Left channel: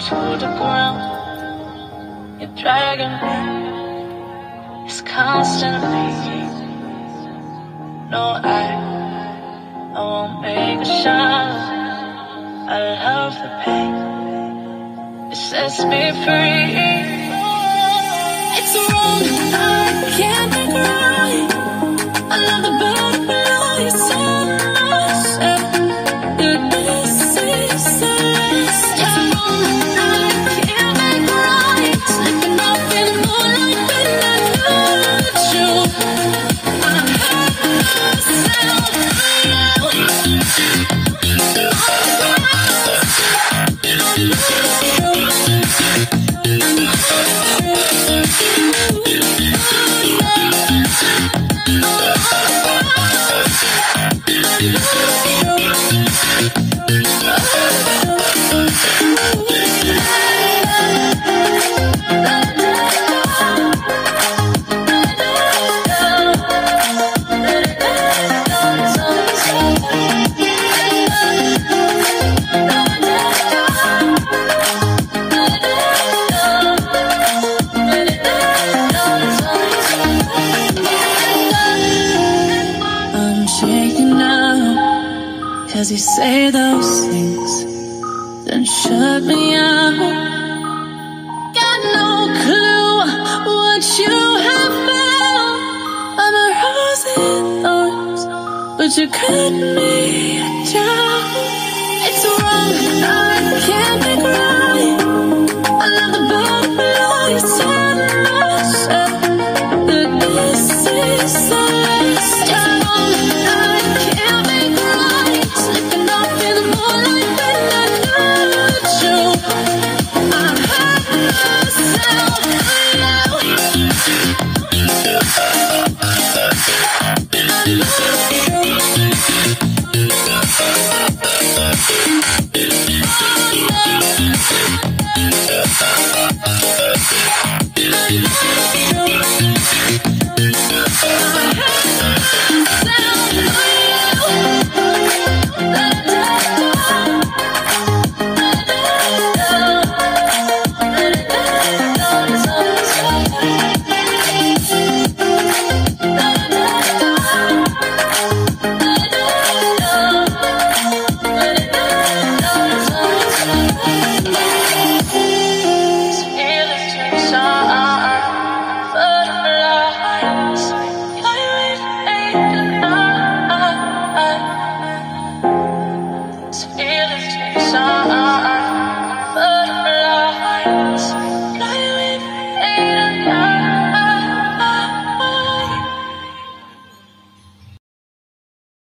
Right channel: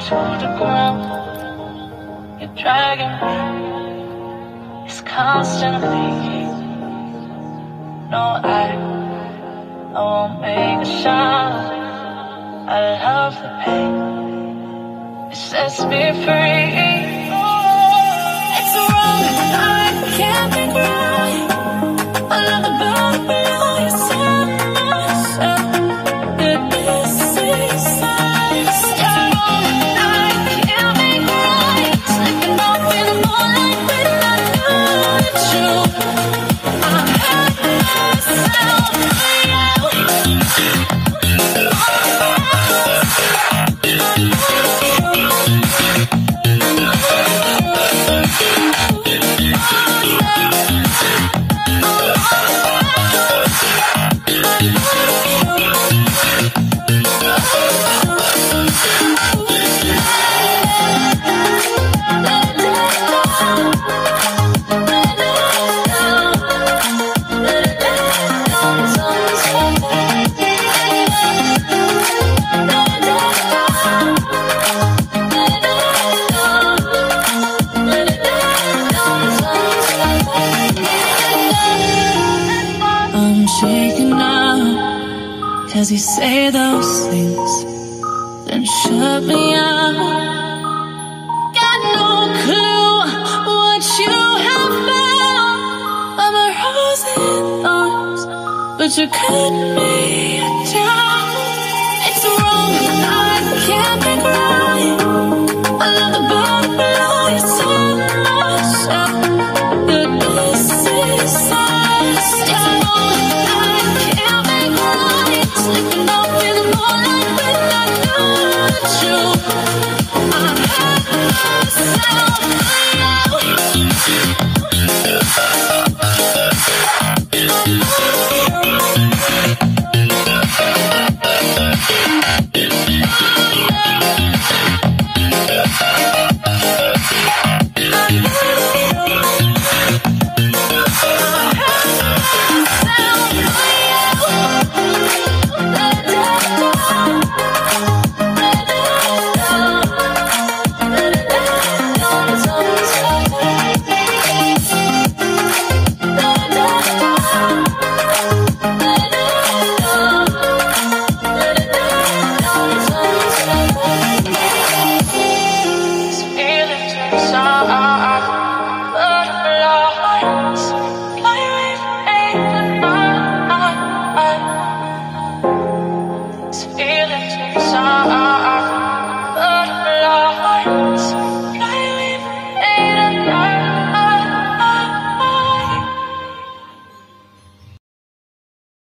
to the ground. You're dragging me. It's constantly. No, I won't make a sound. I love the pain. It sets me free. It's wrong, I can't be right. I love the butterflies on myself. Goodness is size. It's wrong, I can't be right. Slipping off in the moonlight when I touch you. I'm hurting myself. Cause you say those things, then shut me out. Got no clue what you have found. I'm a rose and thorns, but you cut me